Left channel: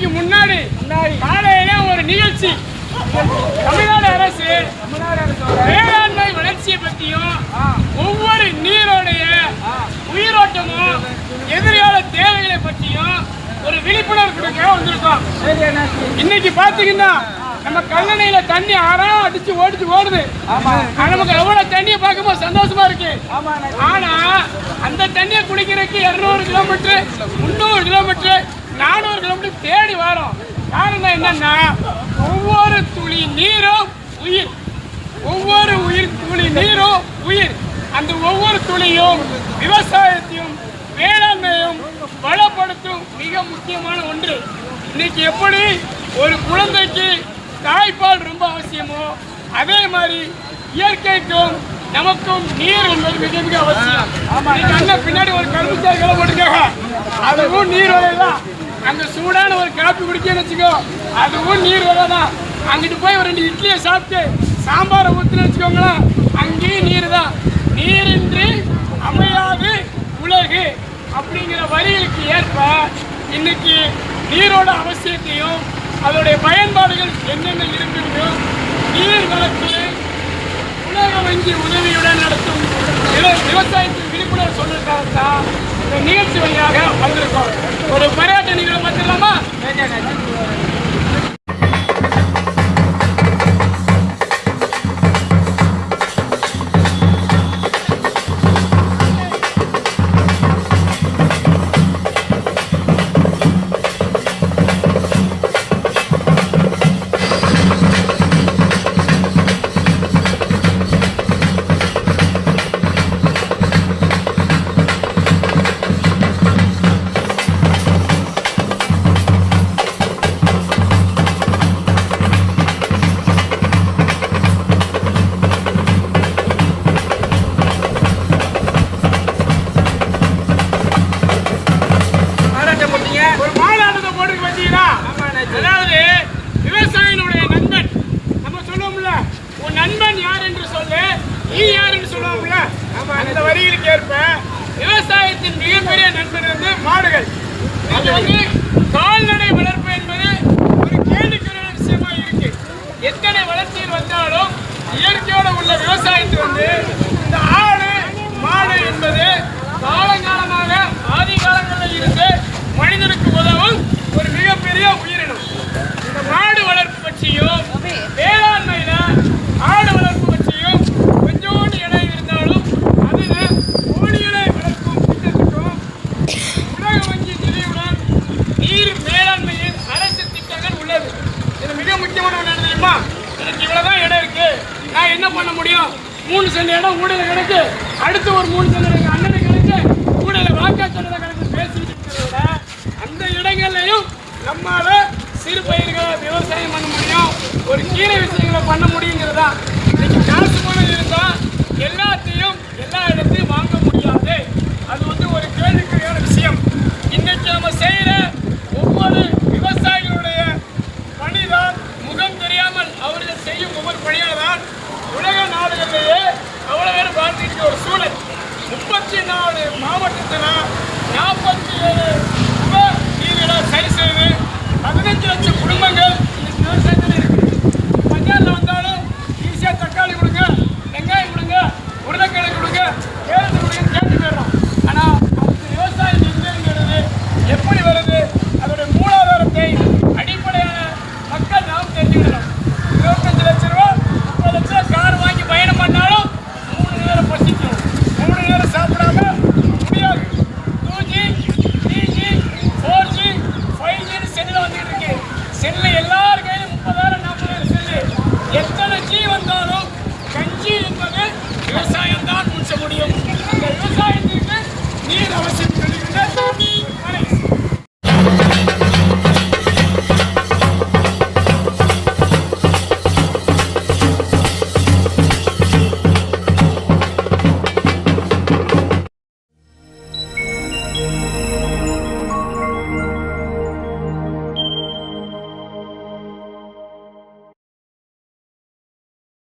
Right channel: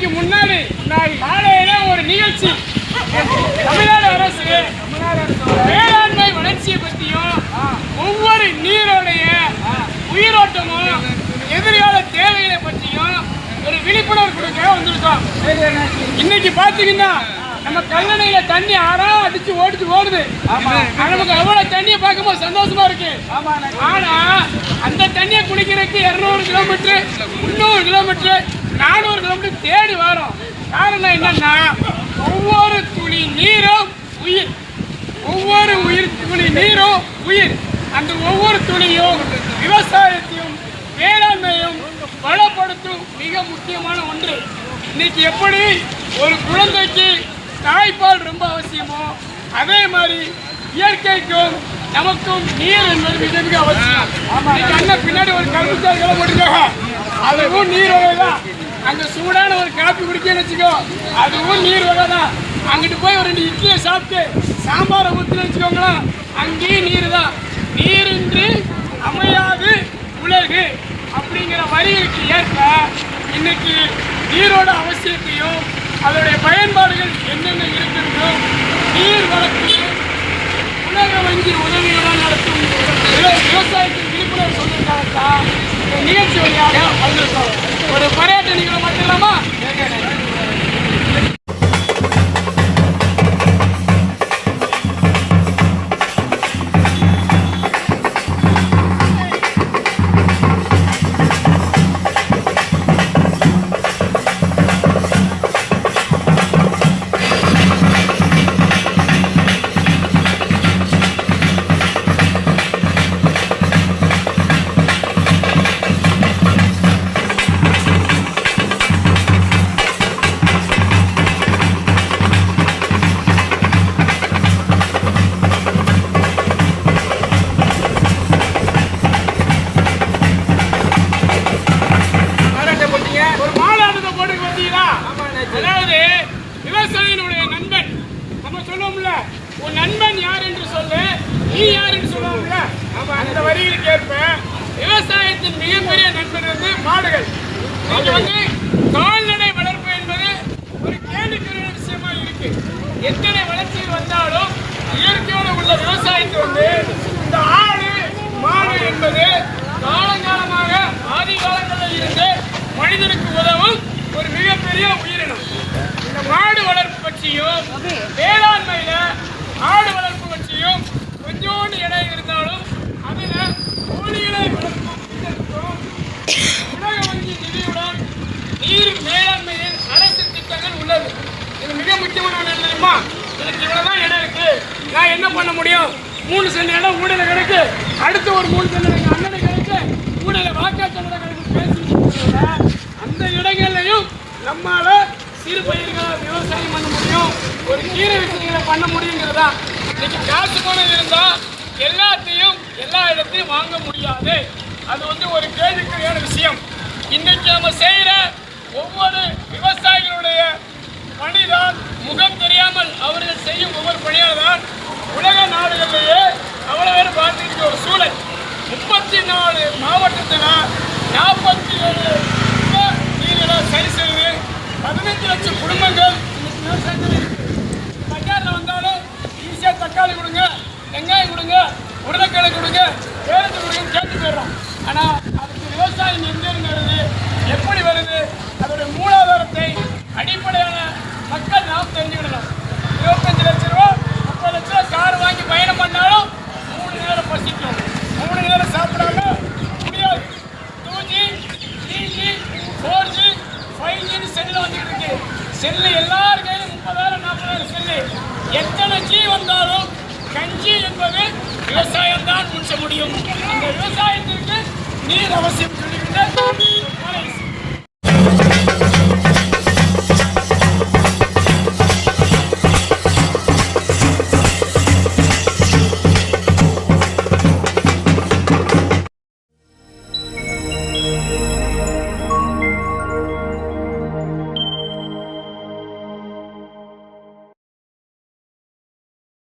நாளைக்கு முன்னாடி காலையில ஒரு நிகழ்ச்சி தமிழ்நாடு அரசு வேளாண்மை வளர்ச்சியை பற்றியும் ஒவ்வொரு நீரோடைய உயிரோட்டமும் எதிர்கால தேவைகளை பற்றியும் ஒரு விழிப்புணர்வு கொடுக்க வந்திருக்கோம். இன்னைக்கு பாத்தீங்கன்னா நம்ம கல்லணையில தண்ணி ஆறாம் அடிச்சு ஓடுது. நமக்கு எவ்வளவு தண்ணியை பார்க்கும்போது சந்தோஷமா இருக்கு. ஆனா அந்த தண்ணியை குடிக்கிறதுக்கு 200 கிலோமீட்டர் 300 கிலோமீட்டர் 400 கிலோமீட்டர் தேடி வரோம். காரணம் என்னன்னா ஒவ்வொரு துளி நீரும் உயிர், ஒவ்வொரு துளி நீரும் உயிர். அந்த ஒவ்வொரு துளியும் விவசாயத்தையும் வேளாண்மையும் பலப்படுத்தும் மிக முக்கியமான ஒன்று. இன்னைக்கு எப்படி ஒரு குழந்தைக்கு தாய்ப்பால் ரொம்ப அவசியமோ அதே மாதிரி இயற்கைக்கும் நமக்கும் நீர் என்பது மிக மிக அவசியம். அண்ணன் பின்னாடி ஒரு கரும்புச்சாய் கிளம்ப போட்டுருக்காங்க, அதுவும் நீர் வகைதான். அங்க சூடான ஒரு காப்பி குடிக்கன்னு வச்சுக்கோ, அதுவும் நீர் வகைதான். அங்கிட்டு போய் ஒரு 2 இட்லியை சாப்பிட்டு சாம்பாரை ஊற்றுன்னு வச்சுக்கோங்களேன், அங்கேயும் நீர் தான். நீரின்றி அமையாது உலகு அப்படிங்கிற வரிகளுக்கு ஏற்ப இன்னைக்கு நீரோட அவசியத்தையும் அதோடைய பயன்பாடுகள் என்னென்ன இருக்கின்றோ நீர் வளர்த்து உலக வங்கி உதவியுடன் நடத்தும் விவசாயத்தின் விழிப்புணர்வு சொல்லிருக்காங்க. இந்த நிகழ்ச்சி வழியாக வந்திருக்கோம். ஒரு பரியாட்ட நிகழ்வு பார்த்துடலாமா? அதாவது விவசாயினுடைய நண்பன் நம்ம சொல்லுவோம்ல, உன் நண்பன் யார் என்று சொல்லு, நீ யார் என்று சொல்லுவோம்ல, அந்த வரிகளுக்கு ஏற்ப விவசாயத்தின் மிகப்பெரிய நண்பன் வந்து மாடுகள். இங்க வந்து கால்நடை வளர்ப்பு என்பது ஒரு கேள்விக்குரிய விஷயமா இருக்கு. எத்தனை வளர்ச்சியில் வந்தாலும் இயற்கையோடு உள்ள விவசாயத்தை வந்து இந்த ஆடு மாடு என்பது காலங்காலமாக ஆதி காலங்களில் இருந்து மனிதனுக்கு உதவும் ஒரு மிகப்பெரிய உயிரினம். இந்த மாடு வளர்ப்பு பற்றியும் வேளாண்மையில ஆடு வளர்ப்பு பற்றியும் கொஞ்சோண்டு இடம் இருந்தாலும் அதுல கோழிகளை வளர்க்கும் திட்டத்துக்கும் உலக வங்கி நிதியுடன் நீர் மேலாண்மையில் அரசு திட்டங்கள் உள்ளது. இது மிக முக்கியமான ஒன்று தெரியுமா? எனக்கு இவ்வளவுதான் இடம் இருக்கு, நான் என்ன பண்ண முடியும்? 3 சென்ட் இடம் ஊடல கிடக்கு, அடுத்து ஒரு 3 சென்ட் எங்க அண்ணனை கிடக்கு, ஊடல வாக்காளர் கிடக்கு பேசிட்டு அந்த இடங்கள்லையும் நம்மளால சிறு பயிர்களை விவசாயம் பண்ண முடியும், ஒரு கீரை விஷயங்களை பண்ண முடியுங்கிறதா. இன்னைக்கு காசு பணம் இருந்தா எல்லாத்தையும் எல்லா இடத்தையும் வாங்க முடியாது. அது வந்து ஒரு கேள்விக்குறியான விஷயம். இன்னைக்கு நம்ம செய்யற ஒவ்வொரு விவசாயிகளுடைய பணிதான் முகம் தெரியாமல் அவர்கள் செய்யும் ஒவ்வொரு பணியால்தான் உலக நாடுகளிலேயே அவ்வளவு பேர் பார்த்துட்டு ஒரு சூழல். 34 மாவட்டத்தில் 47 உப நீரிட சரி செய்து 15 லட்சம் குடும்பங்கள் இன்னைக்கு விவசாயத்தில் இருக்கு. பஞ்சாரில் வந்தாலும் ஈஸியாக தக்காளி கொடுங்க, வெங்காயம் கொடுங்க, உருளைக்கிழங்கு கொடுங்க, கேரட்டு கொடுங்கன்னு கேட்டு போயிடுறோம். ஆனால் அதுக்கு விவசாயம் எங்கிருந்து வருது, எப்படி வருது, அதோடைய மூலாதாரத்தை அடிப்படையான மக்கள் நாம் தெரிஞ்சுக்கிடணும். 25 லட்சம் ரூபா 30 லட்ச ரூபா கார் வாங்கி பயணம் பண்ணாலும் 3 நேரம் பசிக்கும், 3 நேரம் சாப்பிடாம முடியாது. 2G 3G 4G 5G cell வந்துட்டு இருக்கு. செல்லு எல்லார் கையிலும் 30,000 40,000 செல்லு. எத்தனை G வந்தாலும் கஞ்சி என்பது விவசாயம் தான் முடிச்ச முடியும். அந்த விவசாயத்திற்கு நீர் அவசியம் சொல்லுகின்ற